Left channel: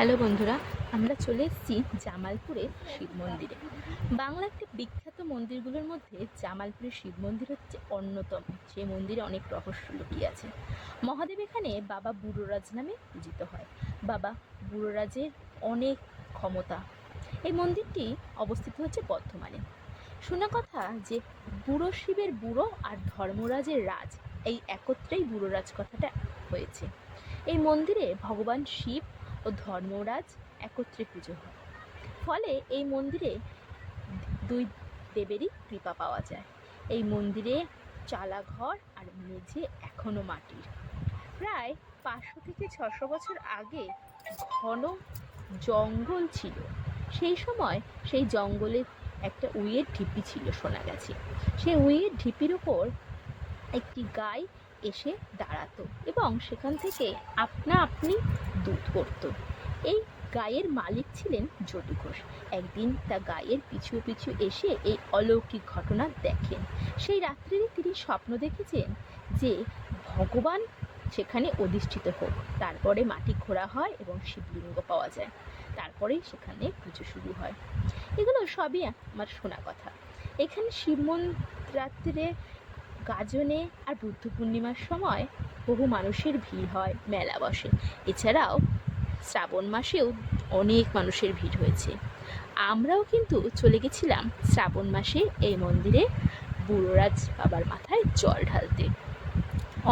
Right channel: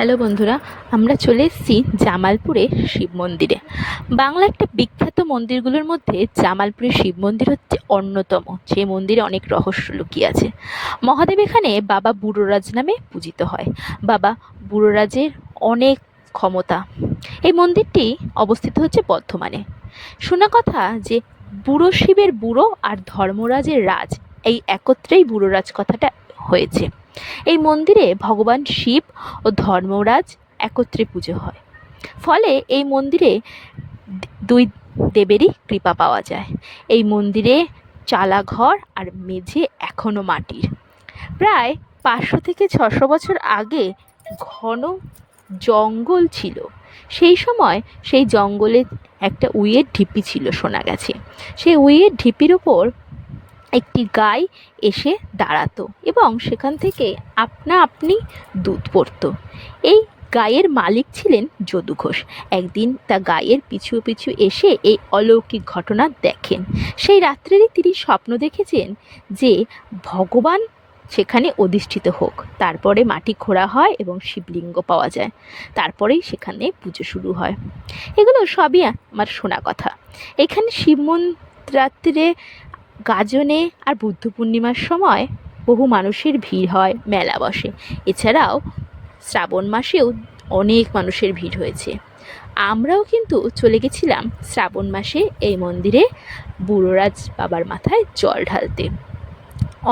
Hello বন্ধুরা, আমরা চলে এসেছি জামালপুরে শিব মন্দিরে। বাংলা একটা বিখ্যাত মন্দিরগুলোর মধ্যে জামালপুরের শিব মন্দির হচ্ছে অন্যতম, যে মন্দিরে অনেক রহস্য লুকিয়ে আছে। মহাদেব এখানে বাবা বুড়োরাজ নামে পূজিত হয়। বাবা বুড়োরাজের অনেক ক্ষমতা। এই মন্দিরটি অবস্থিত হচ্ছে বর্ধমানে। শোনা কথা যে বুড়ো শিবের বুড়ো আর ধর্মরাজের রাজ, এই একত্রেই বুড়োরাজ কথাটা হয়েছে। এই মন্দিরে ভগবান শিব ও ধর্মরাজ একত্রে পুজো হয়। ফলে এই মন্দিরে দুই দেবেরই কৃপা পাওয়া যায়। এই মন্দিরে চালাঘর আর মেঝে এখনো মাটির। প্রায় 500 থেকে 600 বছর আগে ঘন জঙ্গল ছিল। সেই সময় সেই জঙ্গলে একটা উইয়ের ঢিপি ছিল শোনা গেছে। সেই উইয়ের ঢিপির ওপর একটি গাই এসে দাঁড়াতো এবং সেখান থেকে আপনা আপনি দুধ পড়তো। এই গায়ের মালিক ছিলেন যদু ঘোষ। একদিন তা গায়ের পিছু পিছু এসে এই অলৌকিক ঘটনা দেখেন। সেই রাত্রেরই তিনি স্বপ্ন দেখেছেন যে ভগবান সেখানে অধিষ্ঠিত হোক, তারপরে মাটি খোঁড়া হয় এবং শিবলিঙ্গ পাওয়া যায়, তারপরেই সেখানে পুজো শুরু হয়। এগুলো সবই আমার শোনা কথা। এখানে শিব রাত্রে গাজনে আর বুদ্ধ পূর্ণিমার সময় বহু মানুষের ভিড় হয়, মেলা বসে। এছাড়াও শ্রাবণ মাসেও অনেক মানুষের ভিড় হয়েছে। আমরাও কিন্তু চলে গেছিলাম শ্রাবণ মাসে এই মন্দিরে বুড়োরাজ বাবার মাথায় জল ঢালতে।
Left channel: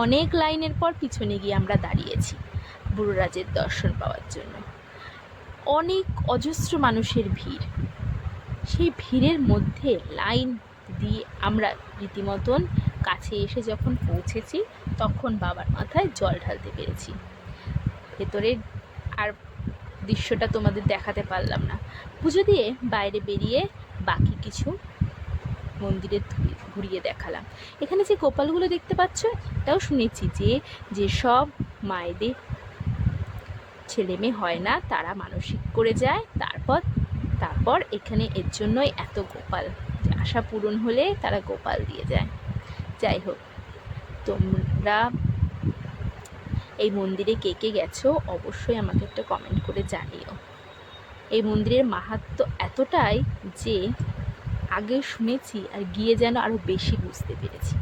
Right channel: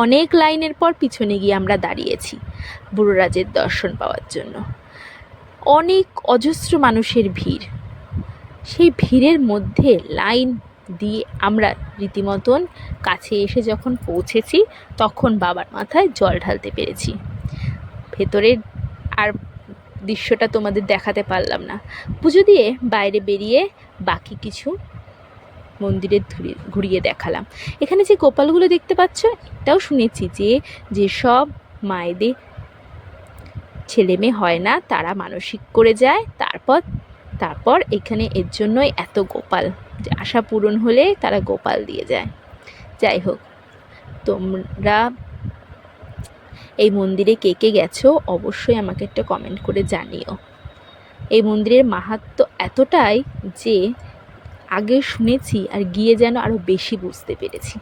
অনেক লাইনের পর পিছনে গিয়ে আমরা দাঁড়িয়েছি বুড়োরাজের দর্শন পাওয়ার জন্য। অনেক অজস্র মানুষের ভিড়। সেই ভিড়ের মধ্যে লাইন দিয়ে আমরা রীতিমতন কাছে এসে যখন পৌঁছেছি, তখন বাবার মাথায় জল ঢালতে পেরেছি। ভেতরের আর দৃশ্যটা তোমাদের দেখাতে পারলাম না। পুজো দিয়ে বাইরে বেরিয়ে বাকি কিছু মন্দিরে ঘুরিয়ে দেখালাম। এখানে যে গোপালগুলো দেখতে পাচ্ছ, এটাও শুনেছি যে যেসব মায়েদের ছেলে মেয়ে হয় না, তারা মানসিক করে যায়, তারপর এখানে এর জন্যই এত গোপাল, যে আশা পূরণ হলে তারা গোপাল দিয়ে যায়। যাই হোক, তোমরা এই মন্দিরে কে কে গেছো অবশ্যই আমাকে একটা কমেন্ট করে জানিও। এই মন্দিরের মাহাত্ম্য এতটাই যে আগে শুনেছি আর গিয়ে যেন আরও বেশি বুঝতে পেরেছি।